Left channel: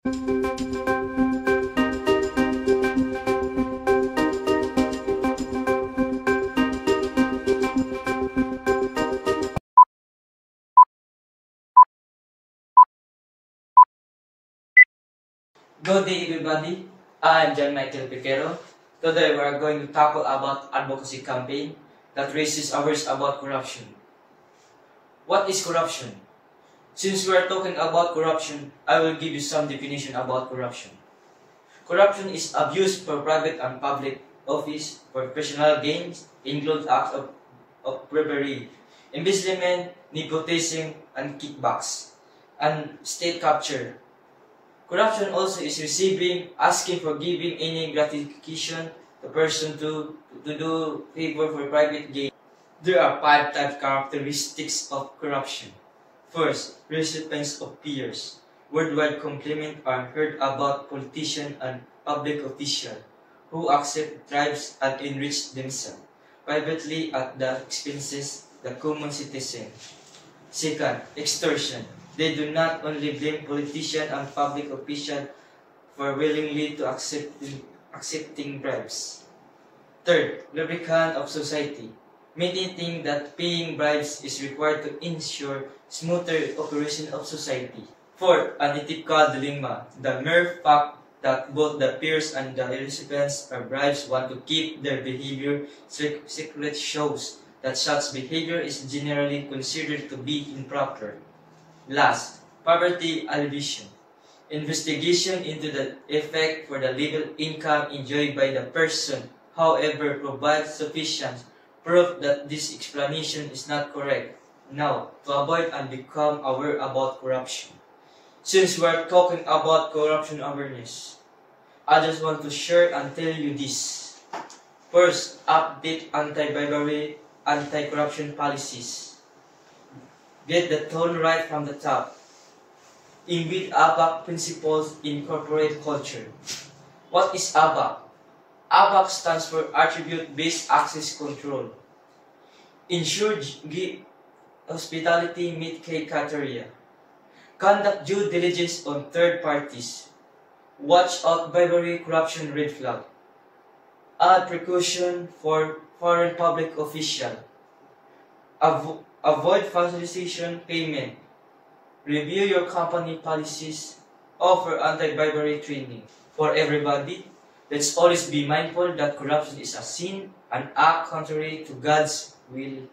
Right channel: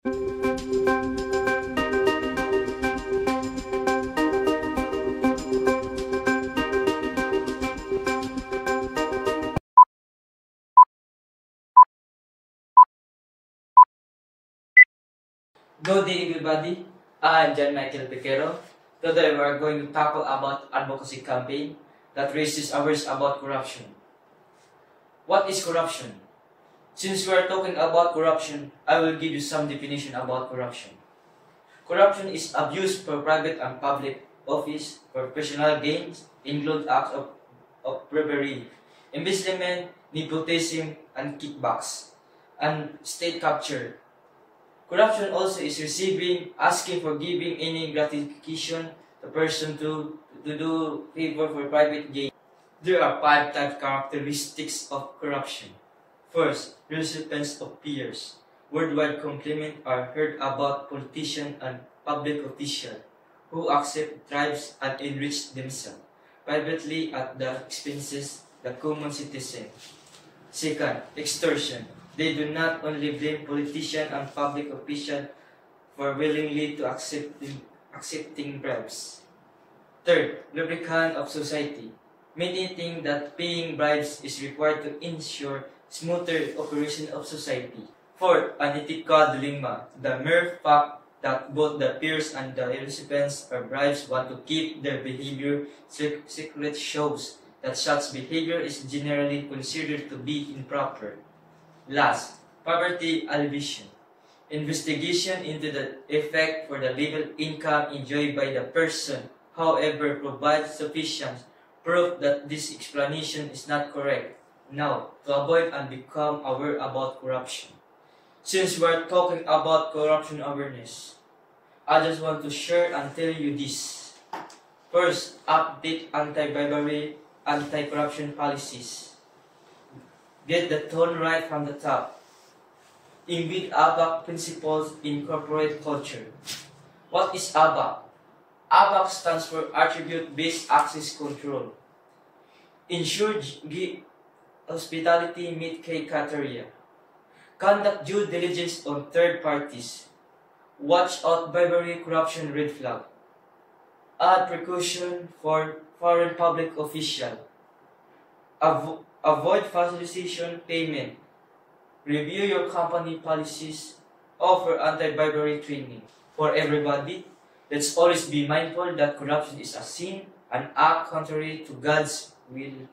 Good day everybody, I'm John Michael Piquero. Today we are going to tackle about advocacy campaign that raises awareness about corruption. What is corruption? Since we are talking about corruption, I will give you some definition about corruption. Corruption is abuse for private and public office for personal gains, includes acts of bribery, embezzlement, nepotism, and kickbacks, and state capture. Corruption also is receiving, asking for giving any gratification to person to do favor for private gain. There are 5 types characteristics of corruption. First, recipients of peers. Worldwide compliments are heard about politicians and public officials who accept bribes and enrich themselves privately at the expenses of the common citizen. Second, extortion. They do not only blame politicians and public officials for willingly to accepting bribes. Third, lubricant of society. Many think that paying bribes is required to ensure smoother operation of society. Fourth, unethical dilemma. The mere fact that both the peers and the recipients of bribes want to keep their behavior secret shows that such behavior is generally considered to be improper. Last, poverty alleviation. Investigation into the effect for the level income enjoyed by the person, however, provides sufficient proof that this explanation is not correct. Now, to avoid and become aware about corruption. Since we are talking about corruption awareness, I just want to share and tell you this. First, update anti-bribery, anti-corruption policies. Get the tone right from the top. Embed ABAC principles in corporate culture. What is ABAC? ABAC stands for Attribute-Based Access Control. Ensure hospitality meet key criteria. Conduct due diligence on third parties. Watch out bribery, corruption, red flag. Add precaution for foreign public official. Avoid facilitation payment. Review your company policies. Offer anti-bribery training. For everybody, let's always be mindful that corruption is a sin and act contrary to God's will.